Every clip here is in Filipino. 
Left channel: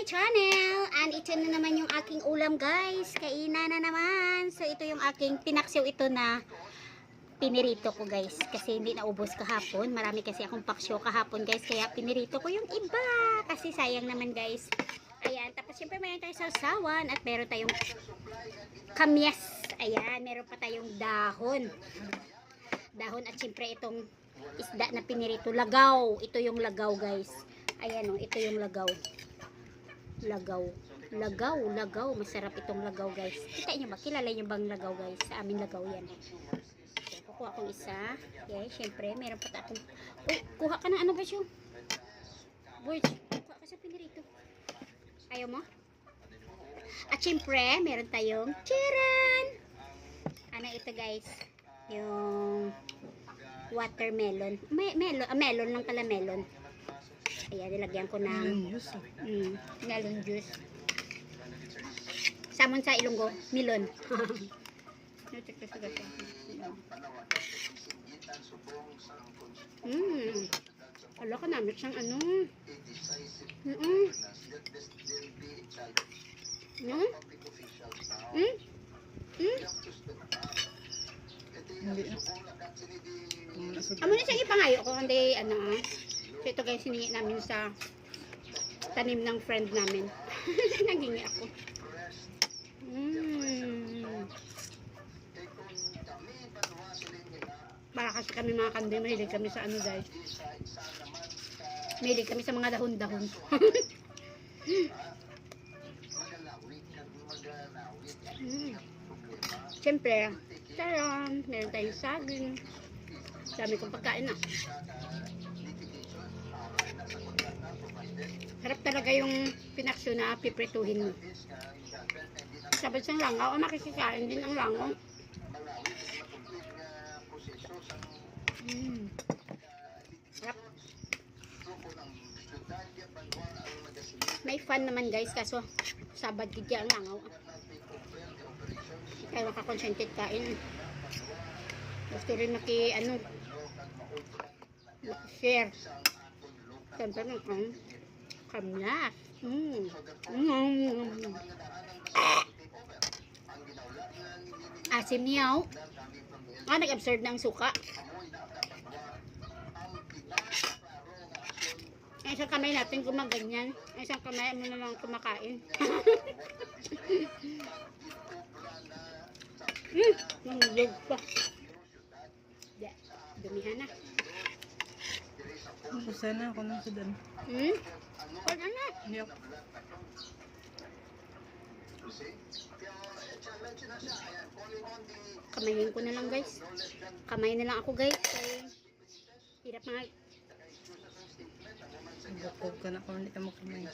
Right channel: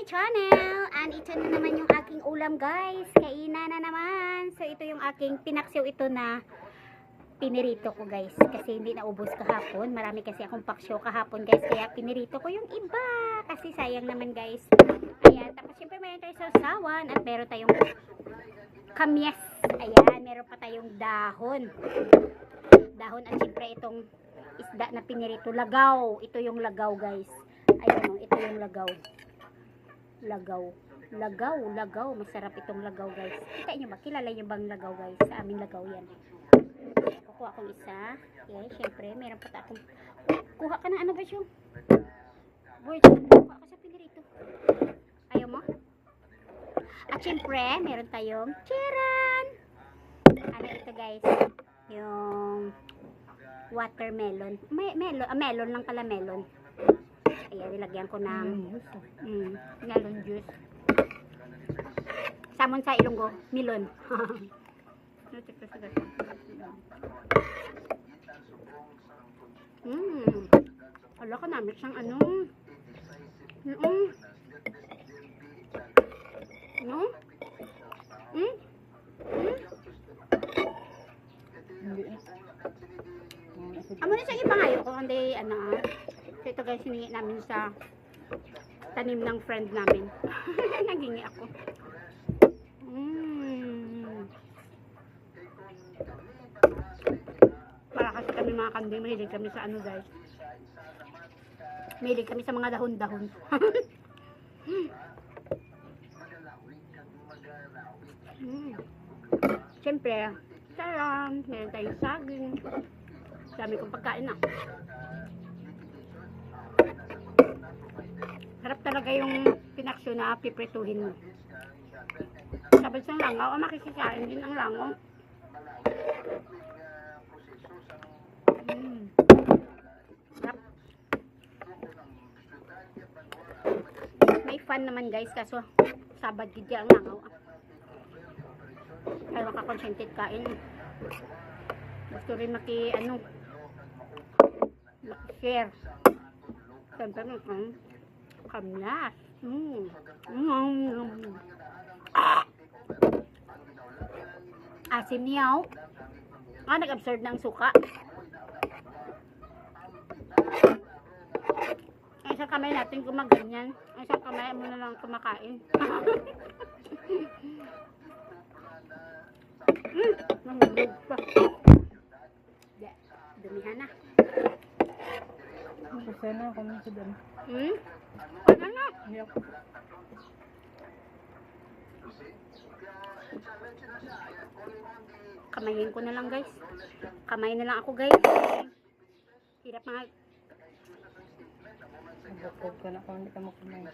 my channel. And ito na naman yung aking ulam, guys. Kainan na naman. So ito yung aking pinaksiw ito na pinirito ko, guys. Kasi hindi naubos kahapon. Marami kasi akong paksyo kahapon, guys. Kaya pinirito ko yung iba. Kasi sayang naman, guys. Ayan. Tapos syempre mayroon tayong sausawan. At meron tayong kamyas. Ayan. Meron pa tayong dahon. Dahon at syempre itong isda na pinirito. Lagaw. Ito yung lagaw, guys. Ayan o. Ito yung lagaw. Lagaw. Masarap itong lagaw, guys. Kita nyo ba? Kilala nyo bang lagaw, guys? Sa amin lagaw yan. Kukuha akong isa. Okay, syempre, meron pa akong... Kuha ka ng ano ba siya? Boy, kuha ka sa pinirito. Ayaw mo? At syempre, meron tayong chiran! Ano ito, guys? Yung watermelon. Melon lang pala, melon. Ayan, nilagyan ko ng melon juice. Samon sa Ilonggo, melon. Wala ka namin siyang ano. Amo na siyang ipangayo ko kundi ano. So ito guys, hinihi namin sa tanim ng friend namin. Naghingi ako. Para kasi kami mga kandi, mahilig kami sa ano guys. Mahilig kami sa mga dahon-dahon. Siyempre, charan, meron tayong saging. Dami kong pagkain na. Harap talaga yung pinaksyo na piprituhin mo. Sabad siyang langaw, makikikain din ang langaw. Sarap. May fun naman guys, kaso sabad din ang langaw. Kaya makakonsentrate kain. Gusto rin share. Siyempre naman. Kamyas. Asim niyaw. Nag-absorb ng suka. Isang kamay natin gumaganyan. Isang kamay mo na lang kumakain. Nanglog pa. Dumihan na. Sana ako nang sudan. Ano na? Hindi ako. Kamayin ko na lang guys. Kamay na lang ako guys. Hirap mga. Nagkakog ka na kung hindi ka makamay.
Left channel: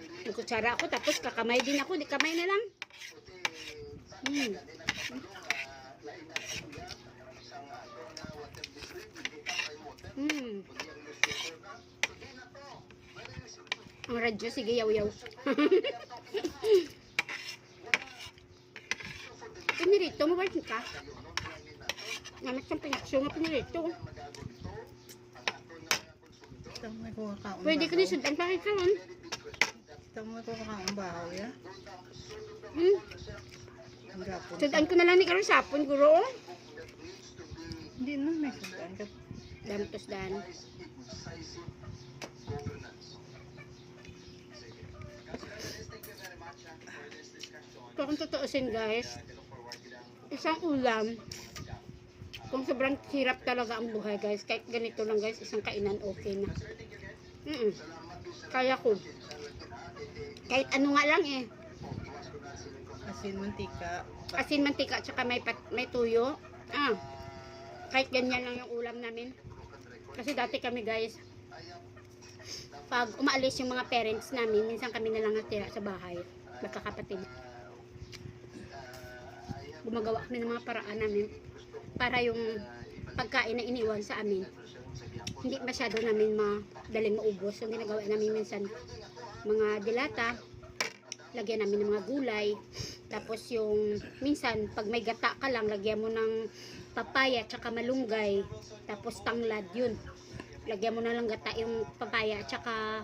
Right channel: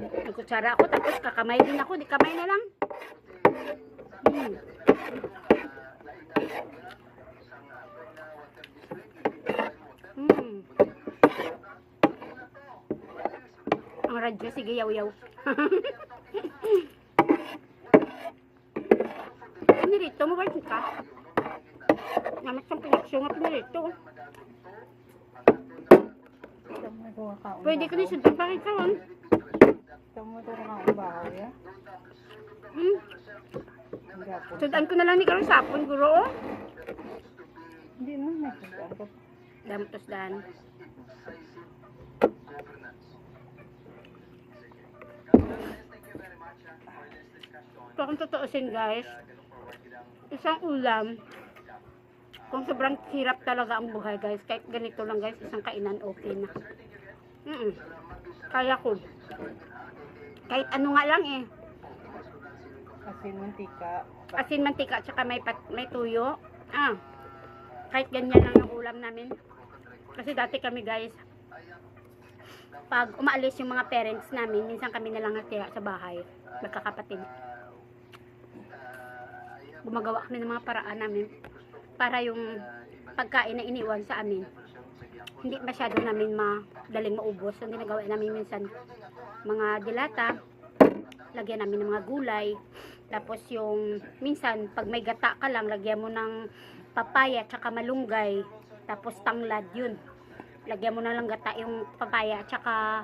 Nagkutsara ako tapos kakamay din ako. Di kamay na lang. Ang radyo, sige yaw-yaw. Pinirito mo ba ito ka? Namat sa pinakso nga pinirito. May kuha ka. Pwede ko nisundin pa kayo kawan. May kuha ka bahaw ya. Sudan ko na lang ni karon sapon guro. Hindi na may sudan ka. Damtos dan. So kung tutuusin guys, isang ulam, kung sobrang hirap talaga ang buhay guys, kahit ganito lang guys, isang kainan okay na. Kaya ko. Kahit ano nga lang eh. Asin, mantika, tsaka may tuyo. Kahit ganyan lang yung ulam namin. Kasi dati kami guys, pag umaalis yung mga parents namin, minsan kami na lang natira sa bahay, magkakapatid. Gumagawa kami ng mga paraan namin para yung pagkain na iniwan sa amin hindi masyado namin madaling maubos. So ginagawa namin minsan mga dilata, lagyan namin ng mga gulay, tapos yung minsan pag may gata ka lang, lagyan mo ng papaya tsaka malunggay, tapos tanglad, yun lagyan mo na lang gata yung papaya at saka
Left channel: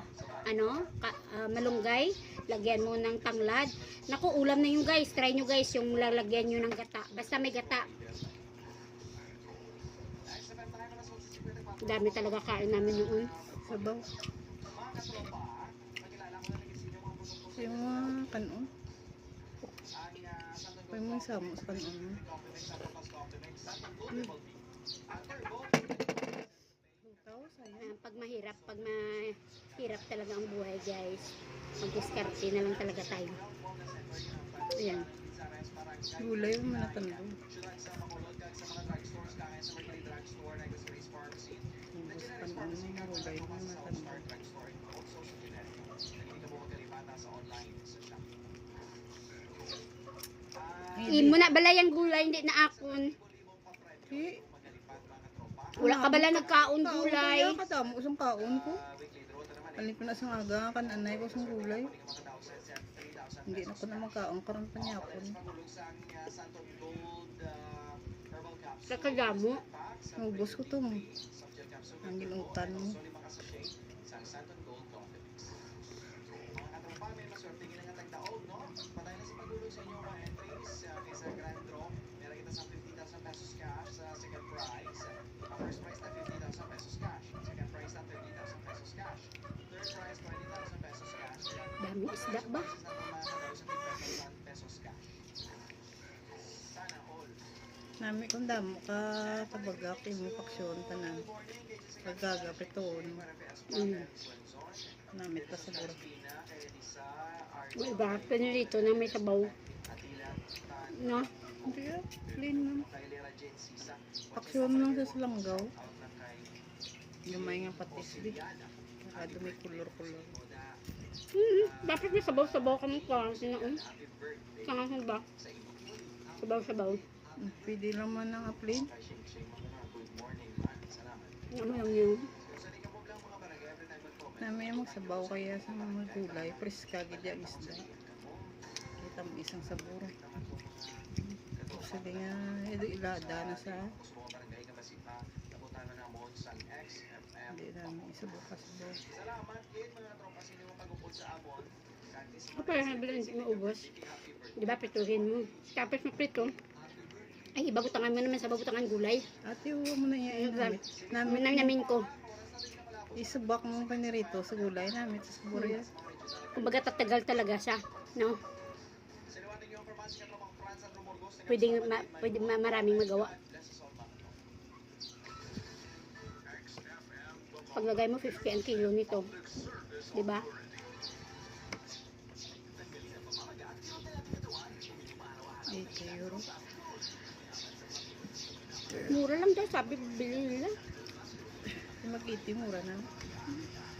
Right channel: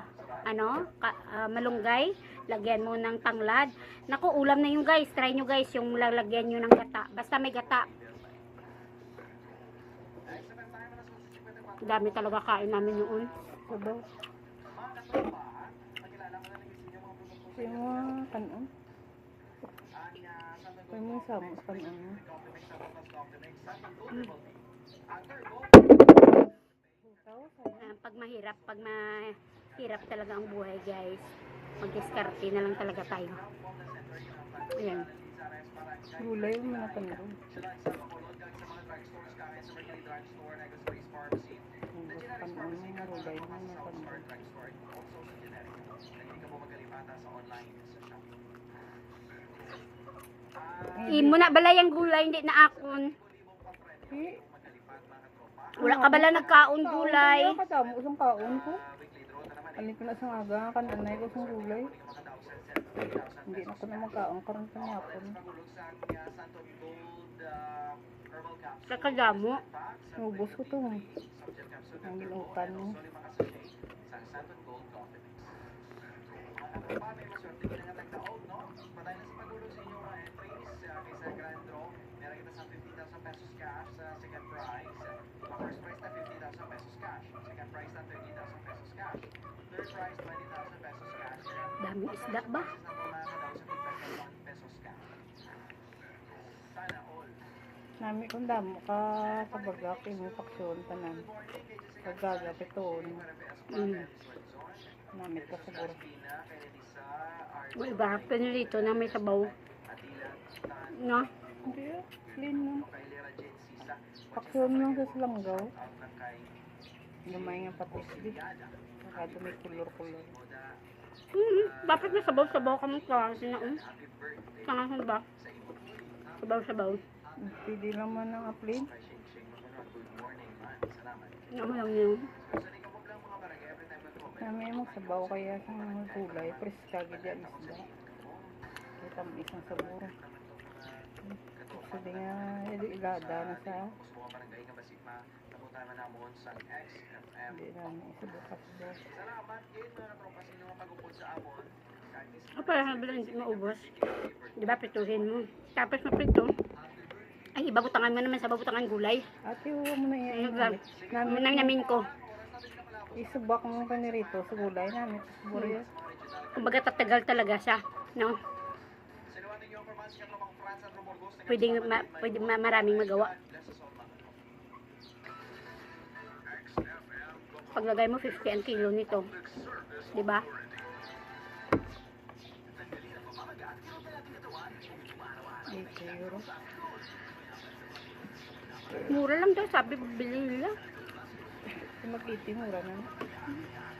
malunggay. Lagyan mo ng tanglad. Naku, ulam na yun guys. Try nyo guys yung lalagyan nyo ng gata. Basta may gata. Dami talaga kain namin noon. Sabaw. Yung mga kanon. May mga samo sa kanon mo. Pag mahirap talaga ang buhay guys, mag-diskarte na lang talaga tayo. Ayan. Gulay yung mga tanong. Ubus kanon mo nga gulay yung mga tanong. Imo na balay ang gulay, hindi na akon. Eh, Wala ka bala nagkaon gulay. Kaya katamo ko sa kaon ko. Alin ko na sa aga, kananay ko sa gulay. Hindi na ko na magkaon karon panyapon. Kakadamo. Ubus ko to. Ang ginutan mo. Dami isda ba? Nami kung damo ka kabagak mo paksyon tanan. Paggaga piton. Namit pa sa buro. May iba, pinilito na may sabaw. No? Hindi ah, clean man. Paksyon lang sa salanggaw. Gamay nga patis di. Kada may kulor-kulor. Bakit may sabaw-sabaw kami klase na Kangahan ba? Sabaw-sabaw. Pwede naman ang plain. Ano lang yun? Namin magsabaw kaya sa mga gulay. Preska gidya isda. Kita mo isang saburo. Sabi nga, ilada na sa hindi namin isabukas-sabaw. Para bilang hindi maubos. Di ba, prituhin mo. Tapos maprito. Ay, ibabutangan mo naman sa babutangan gulay. Ate, huwag mo na iyain. Namin ko. Isubak mo pa ni Rito sa gulay namin sa saburo yan. Kumbaga tatagal talaga siya. No? Pwede maraming magawa. Paglagay mo 50 ang kilo nito. Di ba? €8. Mura lang daw, sabi bili nila. Mag-80 mura na.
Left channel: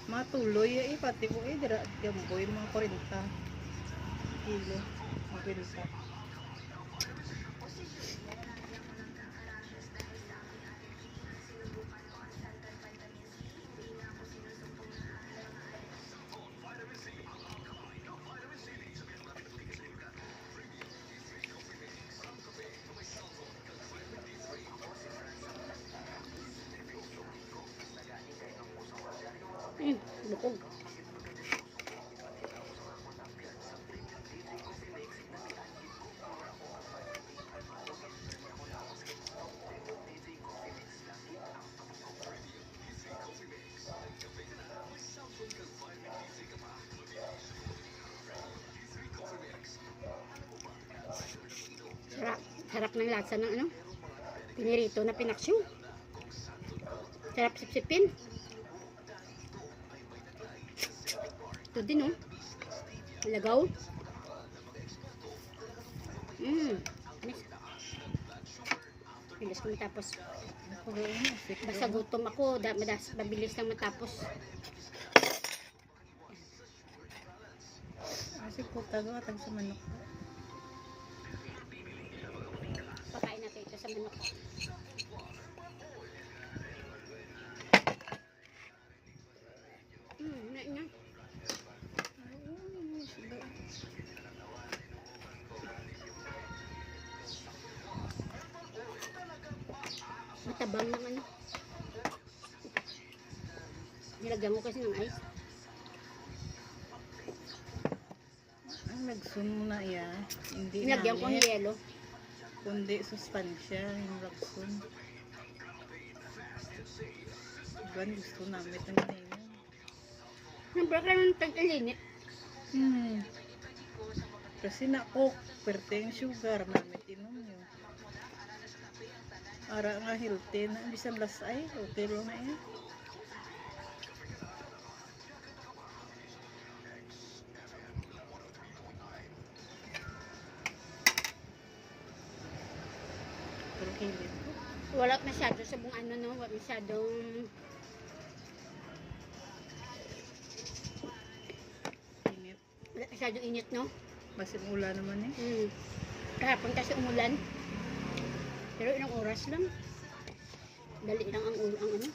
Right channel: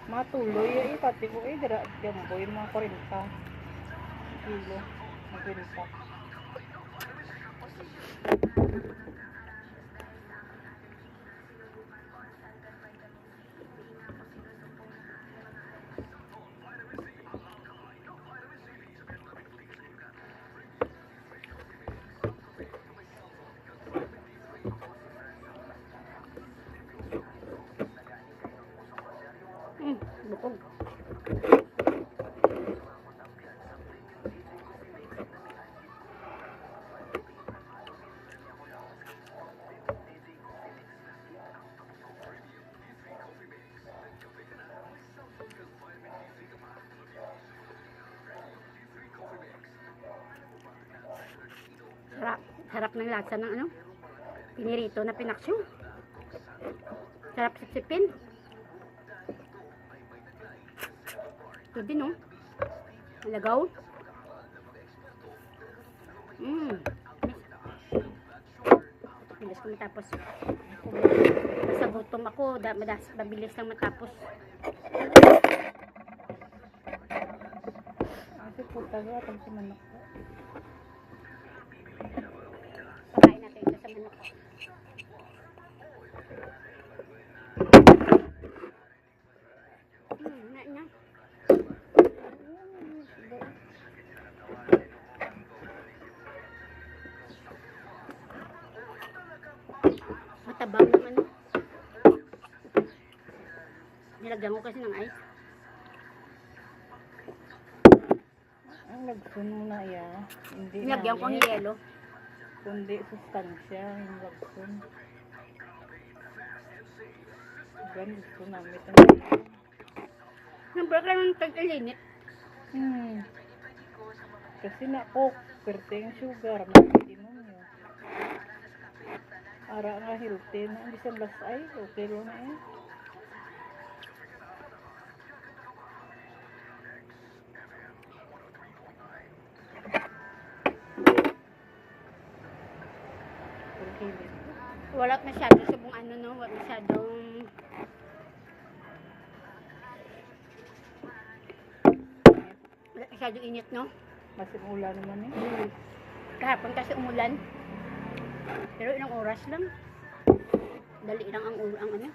Matuloy eh, pati ko eh, dira jambo yung mga 40 kilo. Magbenta. Bukog. Sarap ng lasa ng pinirito na pinaksyo. Sarap sipsipin. Ito din lagaw. Bilis ko matapos. Basta gutom ako, mabilis lang matapos. Kasi puta ko atag sa manok. Pakain natin ito sa manok. Matabang naman. Nilagyan ko kasi ng ice. lagsun mo na ya. Hindi Nilagyan ko ng namin. yelo. Kundi sustansya, yung lagsun. Iban gusto namin ng yelo. Siyempre ka ng tag-ilinit. Kasi na coke, perte yung sugar, nakitinom nyo. Ara nga healthy na, bisan lasay, okay rin na yan. Okay. Wala masyado sa buong ano, no? Wala masyadong wala masyadong init, no? Masin ulan naman eh. Kahapon kasi umulan. Pero ilang oras lang. Dali lang ang ano.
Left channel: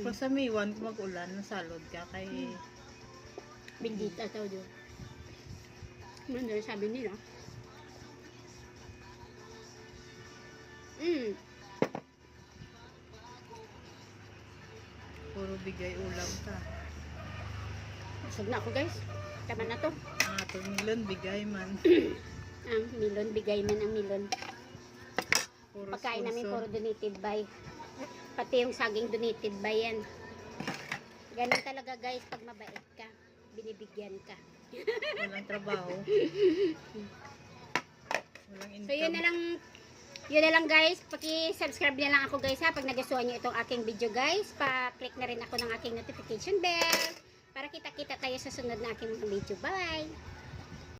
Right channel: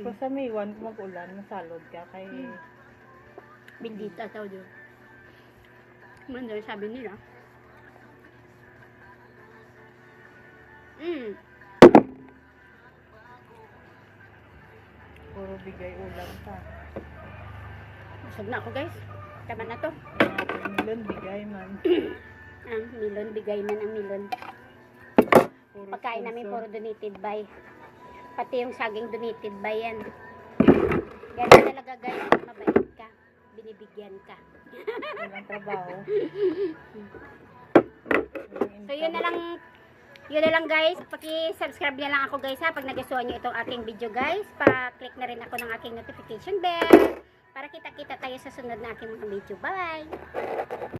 Kung sa Maywan, kung mag-ulan, nasalod ka kay... Bendita tao doon. Ano sabi nila? Puro bigay ulam ka. Busog na ako guys. Tama na to. Mga milon, bigay man. Milon, bigay man ang milon. Puro Pagkain namin sponsor. puro donated by. Pati yung saging donated by yan. Ganun talaga guys, pag mabait ka, binibigyan ka. Walang trabaho. Walang So yun na lang guys, paki-subscribe na lang ako guys ha, pag nagustuhan nyo itong aking video guys, pa-click na rin ako ng aking notification bell, para kita-kita tayo sa sunod na aking mga video. Bye!